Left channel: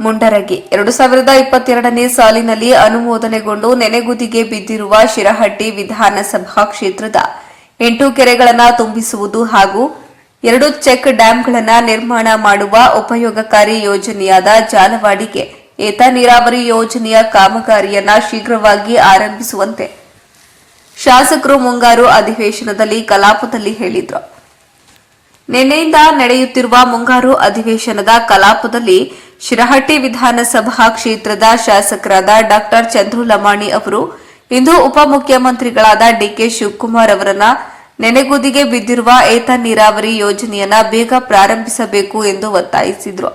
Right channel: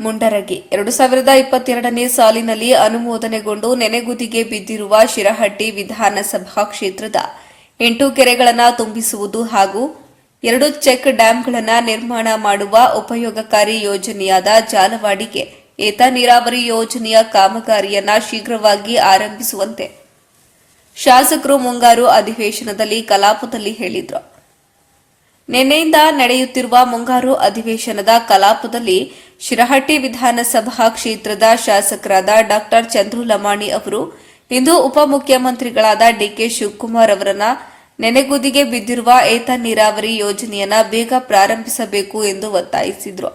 ಮುಂಡರಗಿ. ಎರಡು ಸಾವಿರದ ಇಪ್ಪತ್ತೆರಡನೇ ಸಾಲಿನಲ್ಲಿ ಅನುಮೋದನೆಗೊಂಡು ನೆನೆಗುದಿಗೆ ಬಿದ್ದಿರುವ ಶಿರಹಟ್ಟಿ ವಿಧಾನಸಭಾ ಕ್ಷೇತ್ರದ ಎಂಟು ಕೆರೆಗಳನ್ನು ತುಂಬಿಸುವುದು ಹಾಗೂ ಎರಡು ಚೆಕ್ ಡ್ಯಾಂಗಳನ್ನು ನಿರ್ಮಾಣ ಮಾಡುವ ಉಪಯೋಗಕಾರಿ ಯೋಜನೆಯಾದ ಜಾಲವಾಡಿಗೆ ಏತ ನೀರಾವರಿ ಯೋಜನೆಯ ಕಾಮಗಾರಿಯನ್ನು ಶೀಘ್ರವಾಗಿ ಆರಂಭಿಸುವಂತೆ ಶಾಸಕರು ಮುಂಗಾರು ಅಧಿವೇಶನದಲ್ಲಿ ಕಲಾಪದಲ್ಲಿ ಹೇಳಿದರು. ನಿನ್ನೆಯಿಂದ ನಡೆಯುತ್ತಿರುವ ಮುಂಗಾರು ಅಧಿವೇಶನದ ಕಲಾಪದಲ್ಲಿ ಶಿರಹಟ್ಟಿ ವಿಧಾನಸಭಾ ಕ್ಷೇತ್ರದ ಶಾಸಕರಾದ ಡಾಕ್ಟರ್ ಚಂದ್ರು ಲಮಾಣಿ ಅವರು, ಇಂದು ಉಪಮುಖ್ಯಮಂತ್ರಿಗಳಾದ ಡಿಕೆ ಶಿವಕುಮಾರ್ ಅವರನ್ನ ನೆನೆಗುದಿಗೆ ಬಿದ್ದಿರುವ ಏತ ನೀರಾವರಿ ಯೋಜನೆಯನ್ನ ಬೇಗ ಪ್ರಾರಂಭಿಸಬೇಕು ಎಂದು ಒತ್ತಾಯಿಸಿದರು.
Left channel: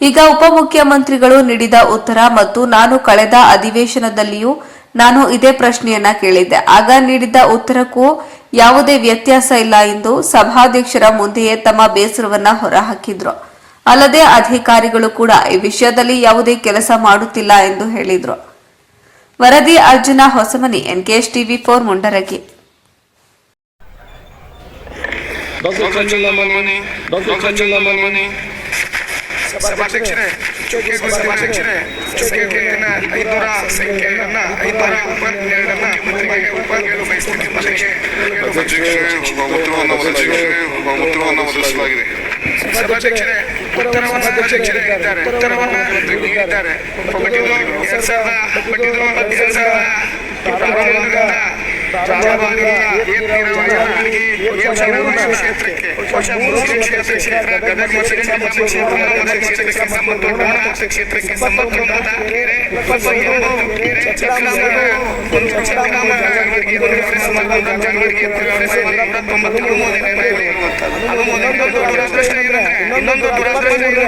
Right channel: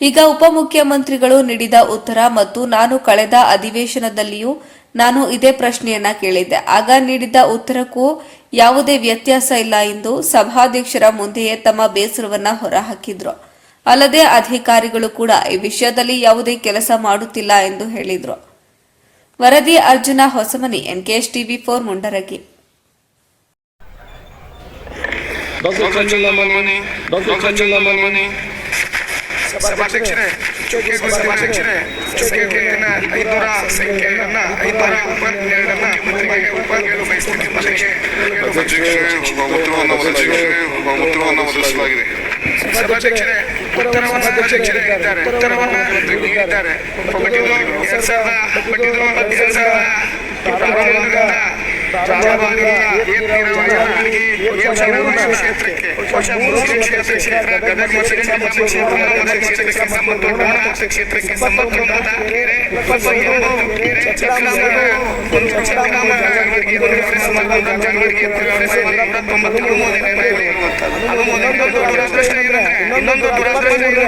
ಈಗ ಉಪಮುಖ್ಯಮಂತ್ರಿಗಳು ನೀಡಿದ ಉತ್ತರ ಮತ್ತು ನಾನು ಕಳೆದ ಅಧಿವೇಶನದಲ್ಲಿಯೂ ನಾನು ಇದೇ ಪ್ರಶ್ನೆಯನ್ನ ಕೇಳಿದ್ದೆ. ಆಗ ನೀಡಿದ ಉತ್ತರಕ್ಕೂ ಯಾವುದೇ ವ್ಯತ್ಯಾಸ ಇಲ್ಲ ಎಂದು ಸಭಾಧ್ಯಕ್ಷರ ಮುಂದೆಯೇ ತಮ್ಮ ಬೇಸರವನ್ನ ಹೊರಹಾಕಿದ್ರು. ಅಲ್ಲದೆ ಅಧಿಕಾರಿಗಳು ಕೂಡ ಈ ವಿಷಯದಲ್ಲಿ ಯಾವುದೇ ಕೆಲಸ ಮಾಡುತ್ತಿಲ್ಲ ಎಂದು ಹೇಳಿದ್ರು. ವರದಿ Arjuna Hosamani NKS TV four Mundargi. ಸಭಾಧ್ಯಕ್ಷರೇ ಸಭಾಧ್ಯಕ್ಷರೇ ಐನೂರ ಸಂಖ್ಯೆಯನ್ನ ಐನೂರ ಇಪ್ಪತ್ತೆರಡನ್ನ ಮುಖ್ಯಮಂತ್ರಿಗೆ ಉಪಯೋಗಲು ಬಯಸ್ತೀನಿ ಉತ್ತರವನ್ನು ಒದಗಿಸಲಾಗಿದೆ. ಸಭಾಧ್ಯಕ್ಷರೇ ಉತ್ತರವನ್ನು ಸಭಾಧ್ಯಕ್ಷರೇ ಇದ್ದಾರೆ ಉತ್ತರವನ್ನು ನೀಡಿದ್ದಾರೆ ಪಟ್ಟಿದ್ರು ಎರಡ್ ಸಾವಿರದ ಪಟ್ಟಿದ್ರು ಎರಡ್ ಸಾವಿರದ ಪ್ರಾರಂಭದಿಂದ ಜಾಲವಾಡಿಯಿಂದ ಏನ್ ನೀರಾವರಿ ಏನ್ ನೀರಾವರಿ ಕ್ಷೇತ್ರಕ್ಕೆ ಹೊಸ ಮುರುಗಿ ಕ್ಷೇತ್ರ ಗದಗ ಕ್ಷೇತ್ರ ಕ್ಷೇತ್ರಕ್ಕೆ ಸಂಬಂಧ ಕ್ಷೇತ್ರಕ್ಕೆ ಸಂಬಂಧಪಟ್ಟ ಕೆರೆ ಇಪ್ಪತ್ತೊಂದು ಕೆರೆ ಚಕ್ರಾಮಗಳು ಒಂದು ಚಕ್ರಾಮಗಳಿಗೆ ಸಂಬಂಧ ಜಾಲವಾಡಿಗೆ ತೊಂಬತ್ತು ಅನುಮೋದನೆ ಅನುಮೋದನೆ ದುರದೃಷ್ಟ ಇದೆ ಇನ್ನೊಂದು ದುರದೃಷ್ಟ ಇದೆ